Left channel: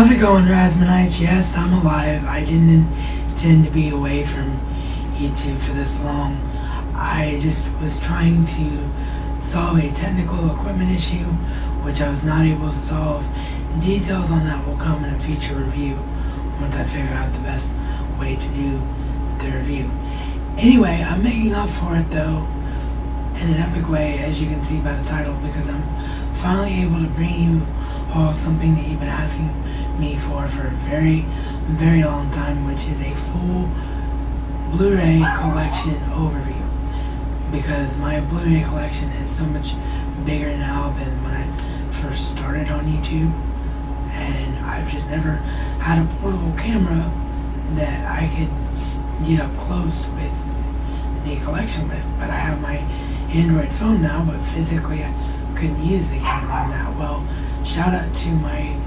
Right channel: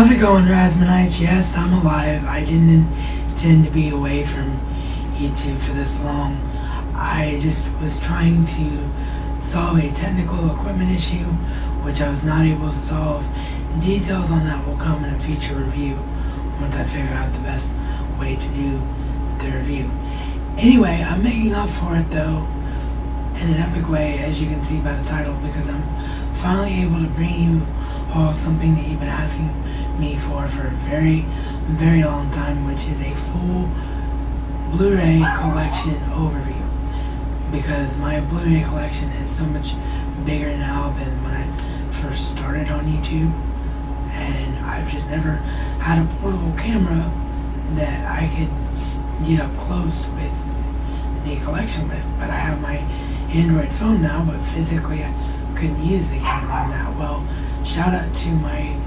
How's it going, Rasmanites? Yes, I'm alive. I didn't intend to be away from YouTube for this long. I just was trying to solve a technical equipment issue, which I was not able to solve. Details on that will come in a future review once I figure out the best way to do the review. Anyway, I'm making up for it though in an epic way, as you can see by the title, because I'm finally able to bring you all something that you've been asking me for a very, very long time, which is a full Blu Ray collection overview. Because my Blu Ray collection is so much bigger now than when I first started on YouTube, and I've just never had a portable camera that I could get up close with the collection with. But I have my Android phone now, but physically I couldn't use the camera on that. Well, shout out to my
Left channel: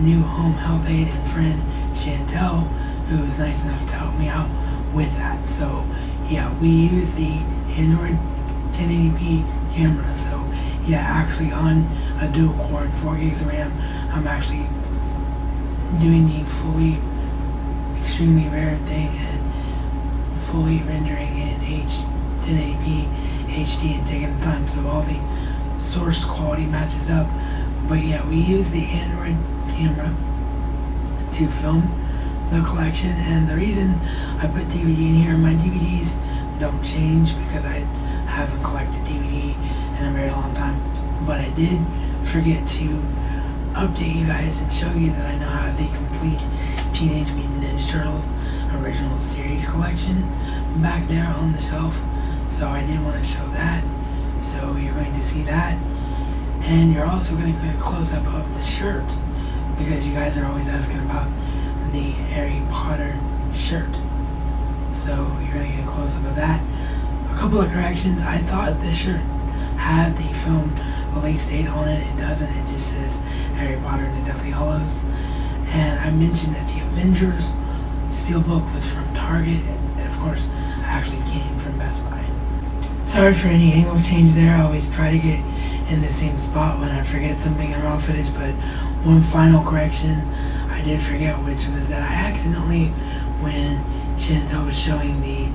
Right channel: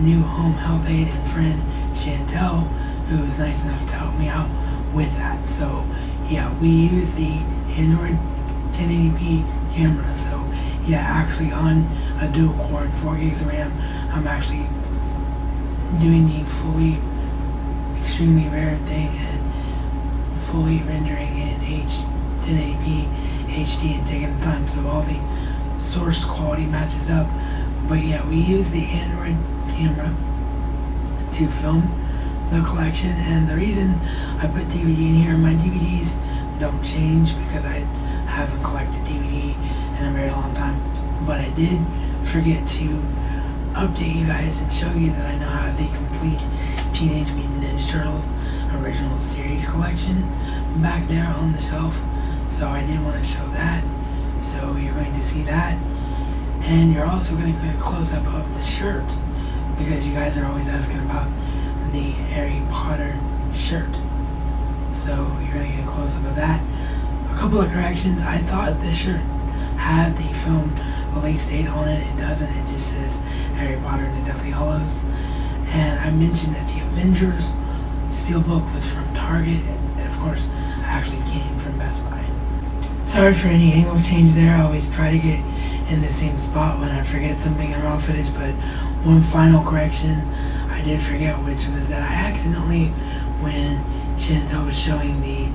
new home help aide and friend Chantel, who was nice enough to help me out with that. So yeah, we use the Android 1080p camera. So yeah, actually on a dual core and 4 gigs of RAM, I'm actually doing the fully extremely rare thing and fully rendering in 1080p HD and taking the time so all the source quality matches up. But yeah, we use the Android camera to film the collection, and the reason I put DVD in here, my DVDs don't change because I haven't collected DVD in a very long time, but I did forget to update you guys and show you that I now have the complete Teenage Mutant Ninja Turtles original series collection back there on the shelf. So I did want to show that, so you're going to see that, and you're also going to get a close-up of the shirt, because you guys are always asking about the Harry Potter shirt. So you're going to get a close-up of that. A couple of corrections. I thought this shirt had the film release date on it. It doesn't. It just says Harry Potter and the Deathly Hallows. And I mentioned that the Avengers steelbook was from Target, and of course I actually came from Best Buy. Sorry for any angle change there. I always try to get in the same spot when I forget something in raw footage, but one final correction I did forget, which was that I accidentally, when Chantel was showing the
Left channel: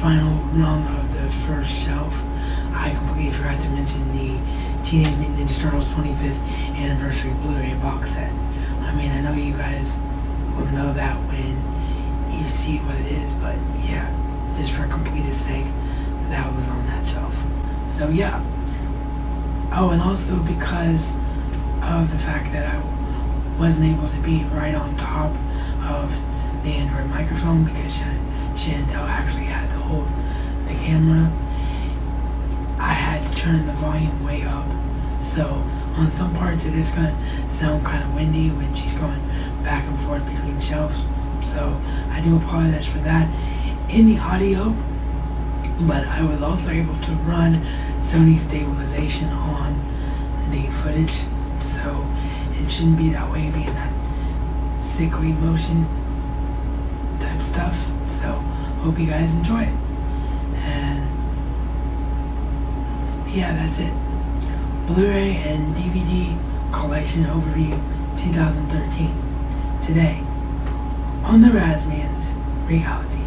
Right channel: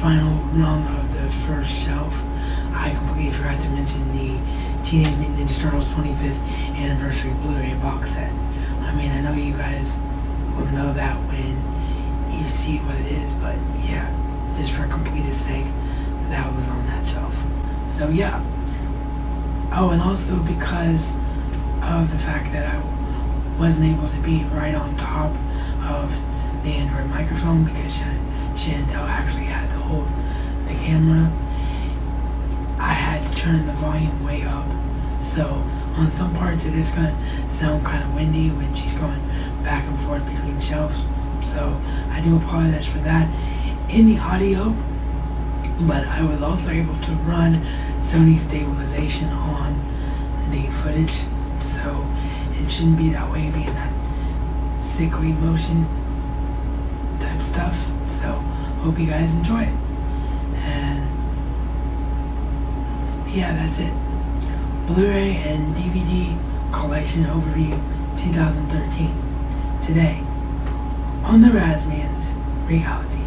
final rung of the first shelf, I completely forgot to mention the Teenage Mutant Ninja Turtles 25th Anniversary Blu Ray box set. I mean, I know you guys will know that when you see what it is, but yeah, just for completeness sake, that was on that shelf. So yeah. Oh, and also because of the fact that I wasn't able to be right on top of the Android microphone, because Chantel actually had to hold the camera, I had to turn the volume way up. So on some parts it is going to sound kind of windy when she's going back and forth between shelves. So I do apologize for that in the audio, but I was also able to run Sony stabilization on the footage, so it shouldn't be that way, being that sickly motion type stuff. So hope you guys enjoy it. And yeah, that's it. Blu-ray and DVD collection overview 2013. Today on the Razman's Reality.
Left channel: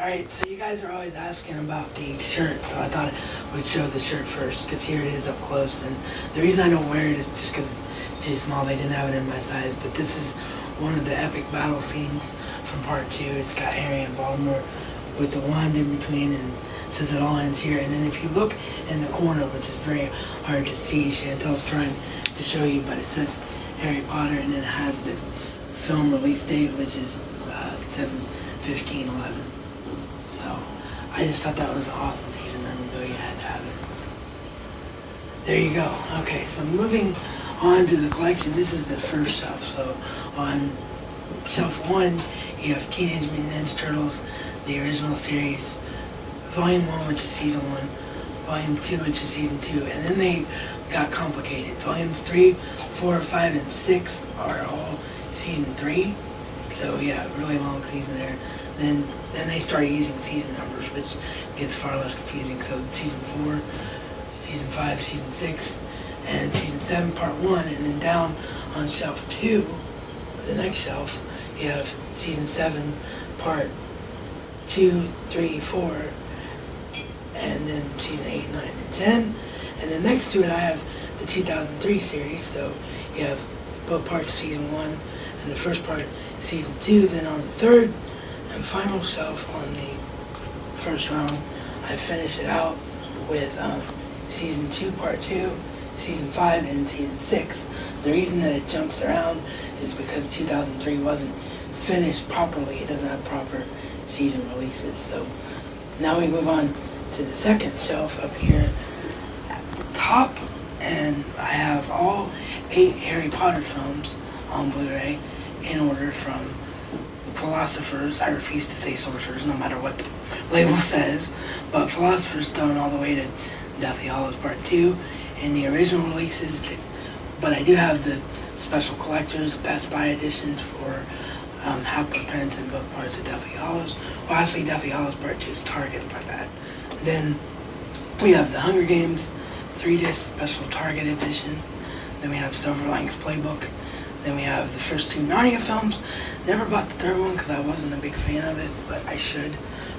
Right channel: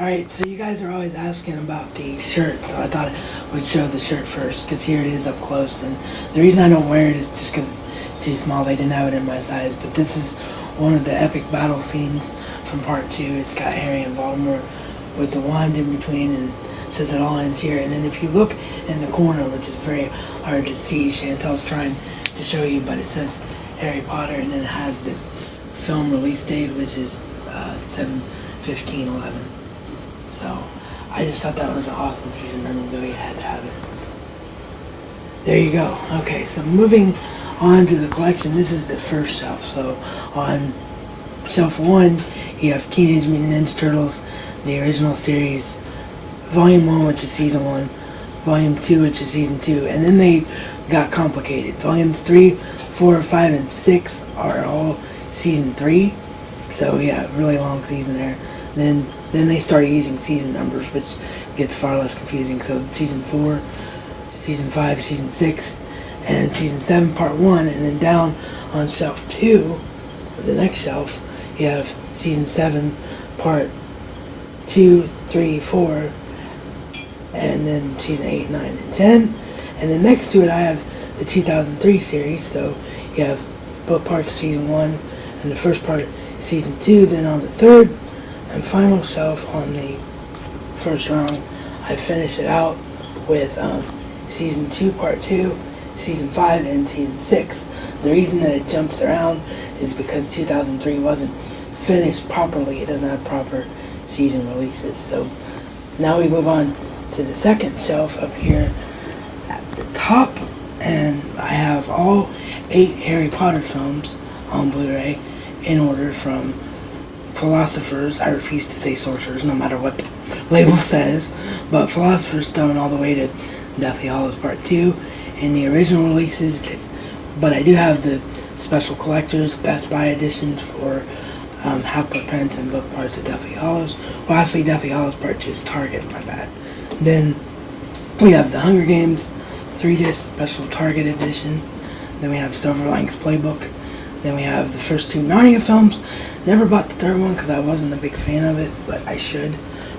Alright, so you guys are always asking about the shirt, so I thought I would show the shirt first, because here it is up close. And the reason I don't wear it is just because it's too small. They didn't have it in my size, but this is one of the epic battle scenes from part 2. It's got Harry and Voldemort with the wand in between, and it says it all ends here. And then if you look in the corner, which is very hard to see, Chantel's trying to show you, but it says Harry Potter, and then it has the film release date, which is 7/15/11. So I just thought that was an awesome piece of memorabilia. You had to have it. So, there you go. Okay, so moving on to the collection. This is the first shelf. So on shelf 1, you have Teenage Mutant Ninja Turtles, the original series, Volume 1, which is Season 1, Volume 2, which is Season 2, and then they got complicated. Volumes 3, 4, 5, and 6 are all Season 3, so yeah, really long season there. Then they started using season numbers, which gets far less confusing. So Season 4, Season 5, Season 6, and Season 7, Part 1, and then down on Shelf 2, the next shelf, you have Season 7, Part 2, 3, 4, and then Season 8, 9, and 10. And then next to it I have the 2003 series, so you have both parts of Season 1 and the first part Season 2. Then on the third and final shelf on the first round, I finish it out with Season 2, Part 2, Season 5, and Season 6. The reason that it jumps around is because 2003 wasn't finished properly. It doesn't have proper season releases. So now we move on to the second shelf up here at the top, and I have all 8 Harry Potter films on Blu Ray in order from Philosopher's, I refuse to say sorcerers no matter what the label says, but Philosopher's Stone all the way to Deathly Hallows Part 2 in the original releases, but I do have the special collectors Best Buy edition for Half-Blood Prince and both parts of Deathly Hallows. Well, actually, Deathly Hallows Part 2 is Target, my bad. Then we have the Hunger Games 3-disc special Target edition. Then we have Silver Linings Playbook. Then we have the first 2 Narnia films. Never bought the third one because I wasn't a big fan of it, but I should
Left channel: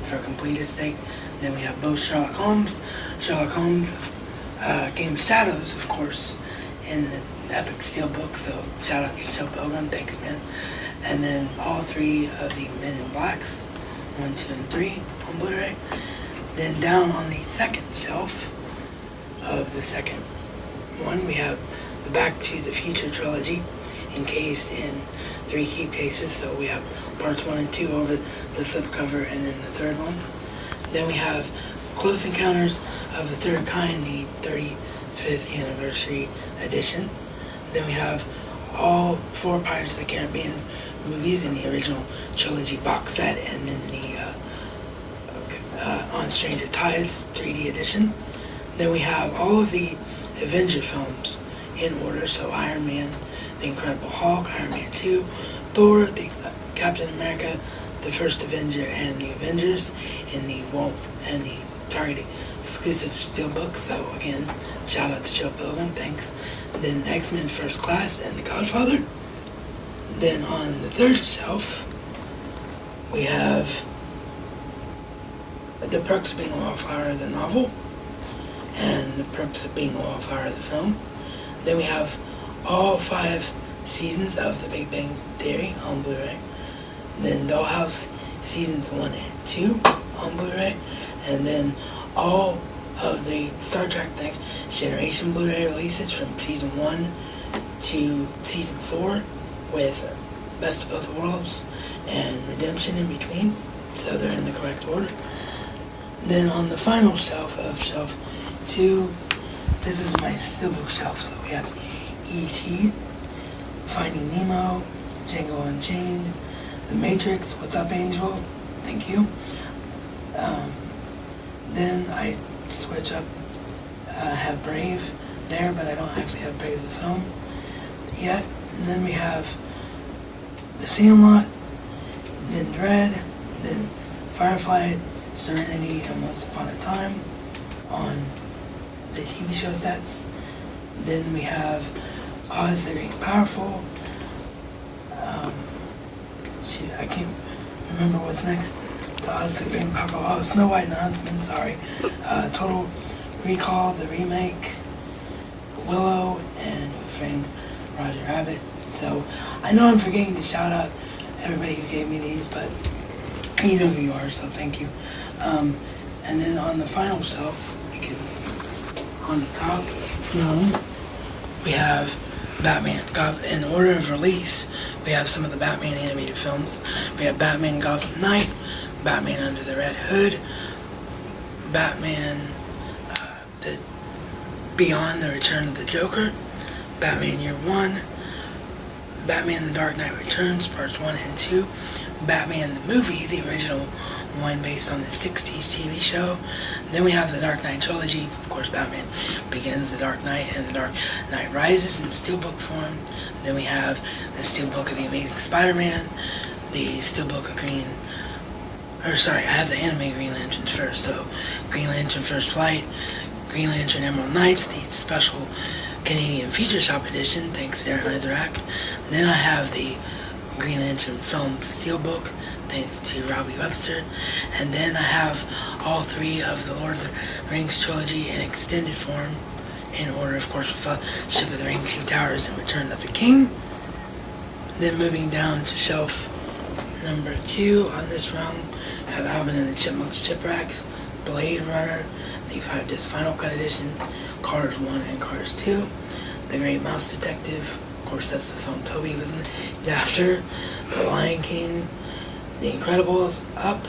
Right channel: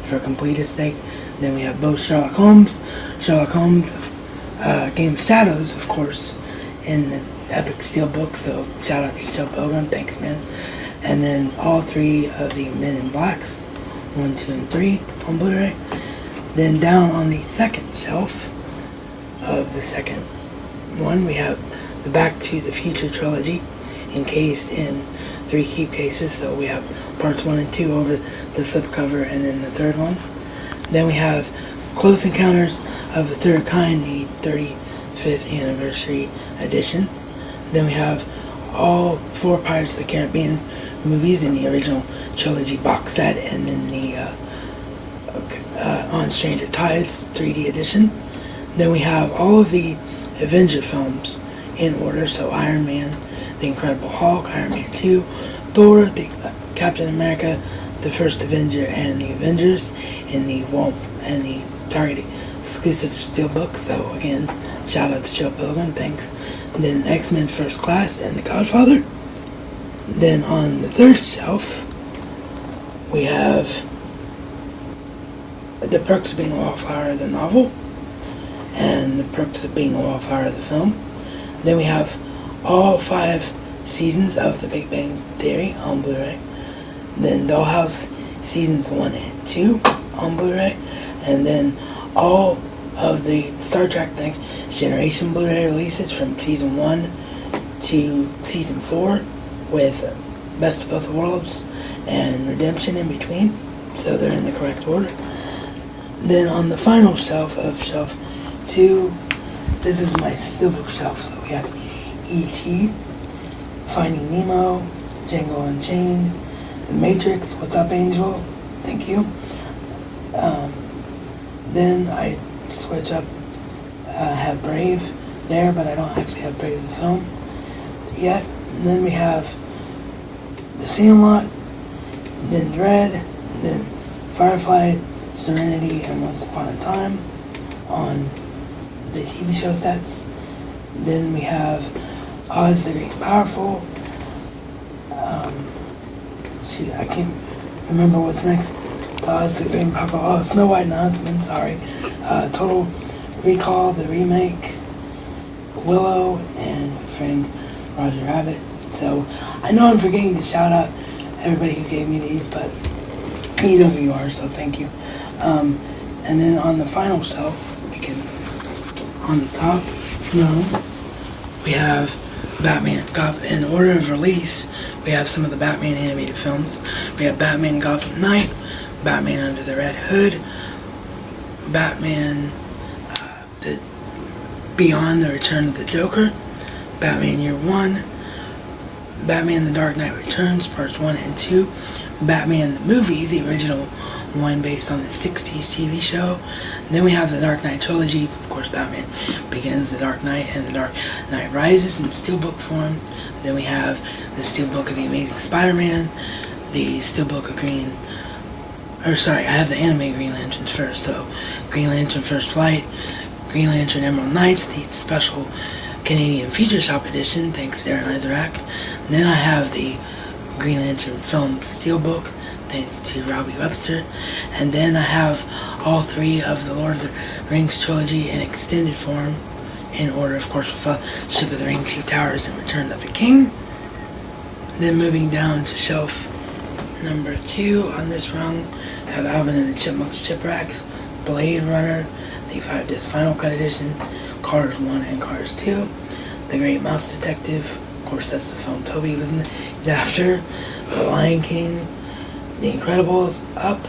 for completeness sake. Then we have both Sherlock Holmes, Game of Shadows, of course, in the Epic Steelbook, so shout out to Joe Pilgrim, thanks man. And then all 3 of the Men in Blacks, 1, 2, and 3 on Blu-ray. Then down on the second shelf of the second one, we have the Back to the Future trilogy, encased in 3 keep cases. So we have parts 1 and 2 over the slipcover, and then the third one. Then we have Close Encounters of the Third Kind, the 35th anniversary edition. Then we have all 4 Pirates of the Caribbean movies in the original trilogy box set, and then the On Stranger Tides 3D edition. Then we have all of the Avenger films in order, so Iron Man, The Incredible Hulk, Iron Man 2, Thor, the Captain America, the First Avenger, and the Avengers in the Target exclusive steelbook. So again, shout out to Joe Pilgrim, thanks. Then X-Men First Class and The Godfather. Then on the third shelf, we have The Perks of Being a Wallflower, the novel, and The Perks of Being a Wallflower, the film. Then we have all 5 seasons of The Big Bang Theory on Blu-ray. Then Dollhouse seasons 1 and 2 on Blu-ray. And then all of the Star Trek Next Generation Blu-ray releases from Season 1 to Season 4 with Best of Both Worlds and Redemption in between. So they're in the correct order. Then on the final shelf of Shelf 2, this is my steelbook shelf. So we have E.T., Finding Nemo, Django Unchained, The Matrix, What's Up Angel, thank you. Then I switch up, have Brave there, but I don't actually have Brave the film yet. And then we have The Sandlot, then Dread, then Firefly, Serenity, and Once Upon a Time on the TV show sets. Then we have Oz the Great and Powerful. I can't remember what's next. Oz the Great and Powerful. Oh, Snow White and the Huntsman, sorry. Total Recall, the remake. Willow, and Who Framed Roger Rabbit. So, I know I'm forgetting to shout out everybody who gave me these, but you know who you are, so thank you. And then on the final shelf, on the top, we have Batman. In order of release, we have some of the Batman animated films. We have Batman Gotham Knight, Batman Under the Red Hood, Batman the Beyond the Return of the Joker, Batman Year 1, Batman The Dark Knight Returns, Parts 1 and 2, Batman the Movie, the original one based on the 60s TV show. Then we have the Dark Knight trilogy, of course Batman Begins, The Dark Knight, and The Dark Knight Rises in steelbook form. Then we have the steelbook of The Amazing Spider-Man, the steelbook of I have the animated Green Lanterns first, so Green Lantern First Flight, Green Lantern Emerald Knights, the special Canadian Feature Shop edition, thanks to Aaron Isaac. Then I have the Green Lantern Film Steelbook, thanks to Robbie Webster. And then I have all three of the Lord of the Rings trilogy in extended form, in order, of course, with Fellowship of the Ring, Two Towers, and Return of the King. Then moving down to shelf number 2 on this rung, I have Alvin and the Chipmunks Shipwrecks, Blade Runner, the 5-disc Final Cut Edition, Cars 1 and Cars 2, The Great Mouse Detective, of course that's the film Toby was after, The Lion King, The Incredibles, Up,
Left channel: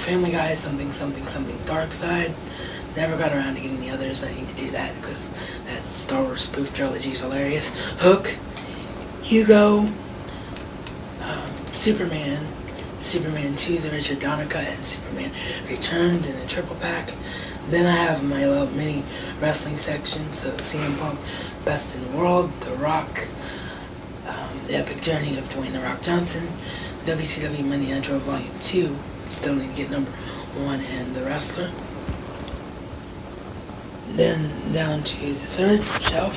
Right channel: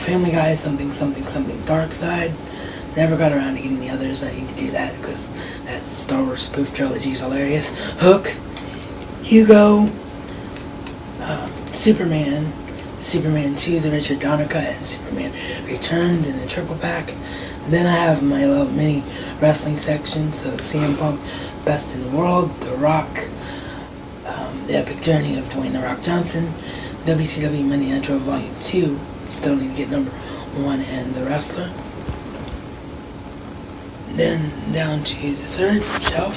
Family Guy, Something Dark Side. Never got around to getting the others. I need to do that because that Star Wars spoof trilogy is hilarious. Hook, Hugo, Superman 2, the Richard Donner cut, and Superman Returns in a triple pack. Then I have my little mini wrestling section, so CM Punk, Best in the World, The Rock, The Epic Journey of Dwayne The Rock Johnson, WCW Money Nitro Volume 2, still need to get number 1, and The Wrestler. Then down to the third shelf,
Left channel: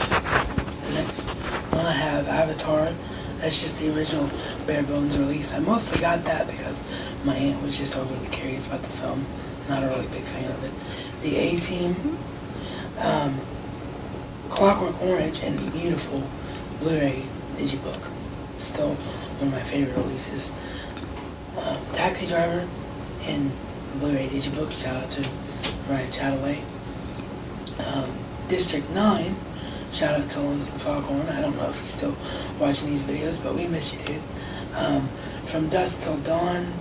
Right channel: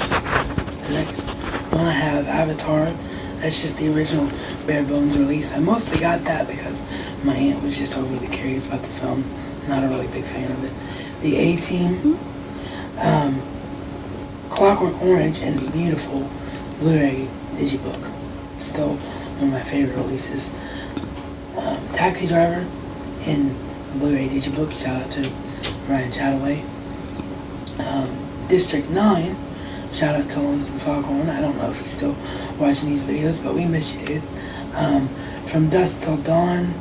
the next one I have Avatar. That's just the original bare bones release. I mostly got that because my aunt was just overly curious about the film. Not a really big fan of it. The A-Team, Clockwork Orange, and the beautiful Blu Ray Digibook. Still one of my favorite releases. Taxi Driver in the Blu Ray Digibook. Shout out to Ryan Chataway. District 9. Shout out to Lonesome Foghorn. I don't know if he's still watching these videos, but we miss you, dude. From Dusk Till Dawn.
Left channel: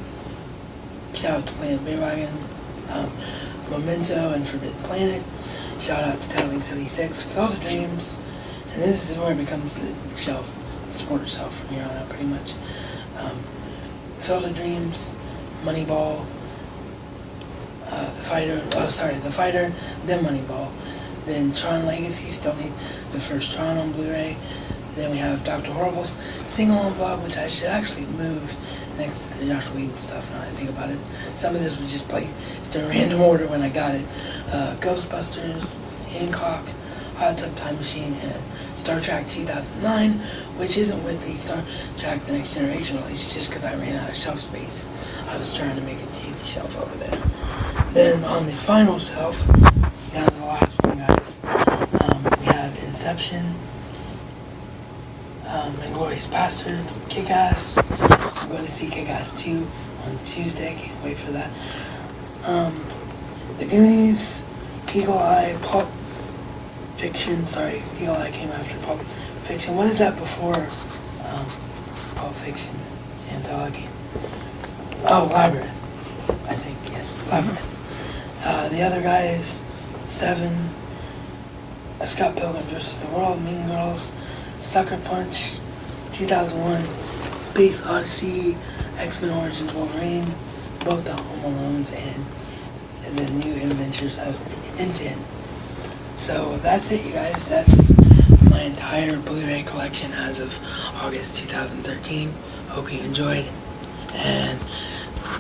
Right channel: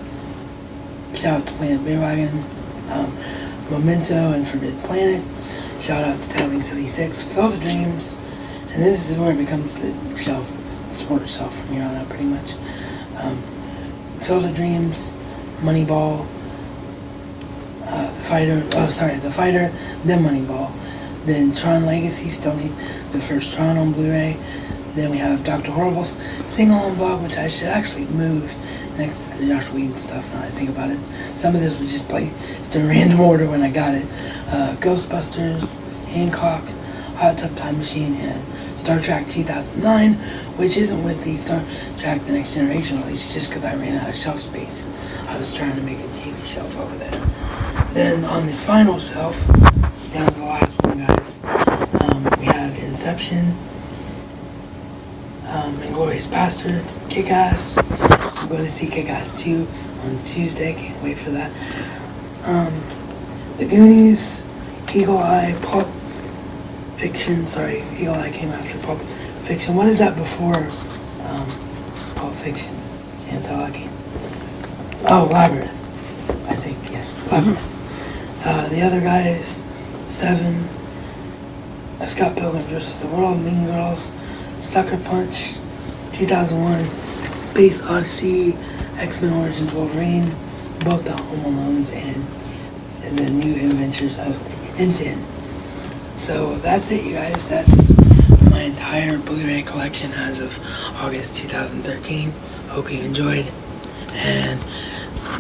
Shout out to Planet Bearwagon. Memento and Forbidden Planet. Shout out to Tattling 76. Field of Dreams. And this is where it becomes the shelf, the sports shelf from here on out, pretty much. Field of Dreams, Moneyball, The Fighter, then Moneyball. Then Tron Legacy, still need the first Tron on Blu-ray. Then we have Dr. Horrible's Sing-Along Blog, which I should actually move next to the Josh Whedon stuff now I think about it. Some of this was just placed in random order when I got it. Ghostbusters, Hancock, Hot Tub Time Machine, and Star Trek 2009, which isn't with the Star Trek The Next Generation release, just because I ran out of shelf space. I was trying to make a TV shelf over there. Then on the final shelf, down to the last one, guys, we have Inception, Inglourious Basterds, Kick-Ass. I'm going to see Kick-Ass 2 on Tuesday. Can't wait for that. The Goonies, Eagle Eye, Pulp Fiction. Sorry, Eagle Eye came after Pulp Fiction. What is that before Pulp Fiction? Can't tell. I can't. Oh, Labyrinth. I think, yes. Labyrinth. The other guys, Seven, Scott Pilgrim vs. the World, Mean Girls, Sucker Punch, 2001, Space Odyssey, X-Men Origins Wolverine, both the Home Alones, and the New Adventures of Tintin. So that's it, you guys. That's my entire Blu-ray collection as of August 2013. Hope you enjoyed. And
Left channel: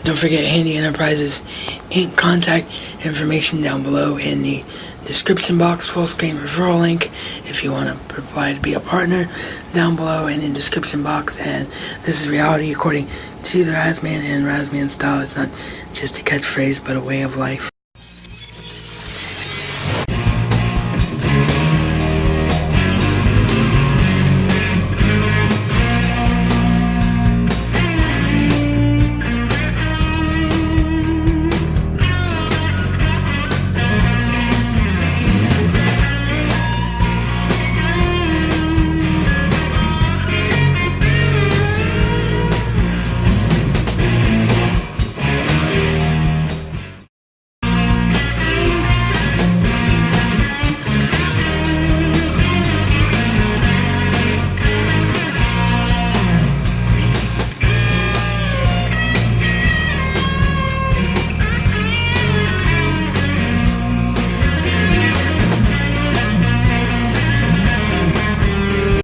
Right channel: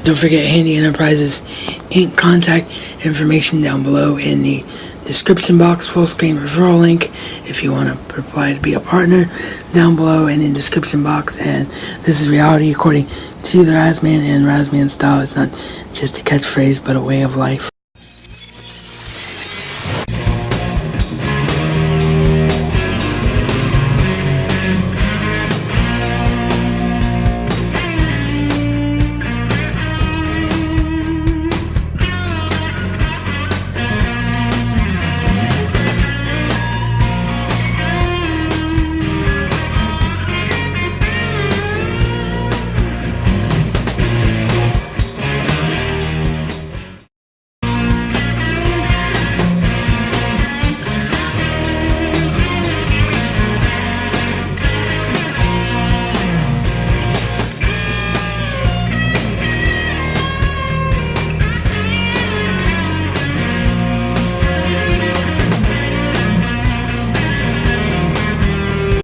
don't forget Handi Enterprises Inc. Contact information down below in the description box. Full screen referral link if you want to apply to be a partner down below and in the description box. And this is reality according to the Razman and Razman style. It's not just a catchphrase but a way of life.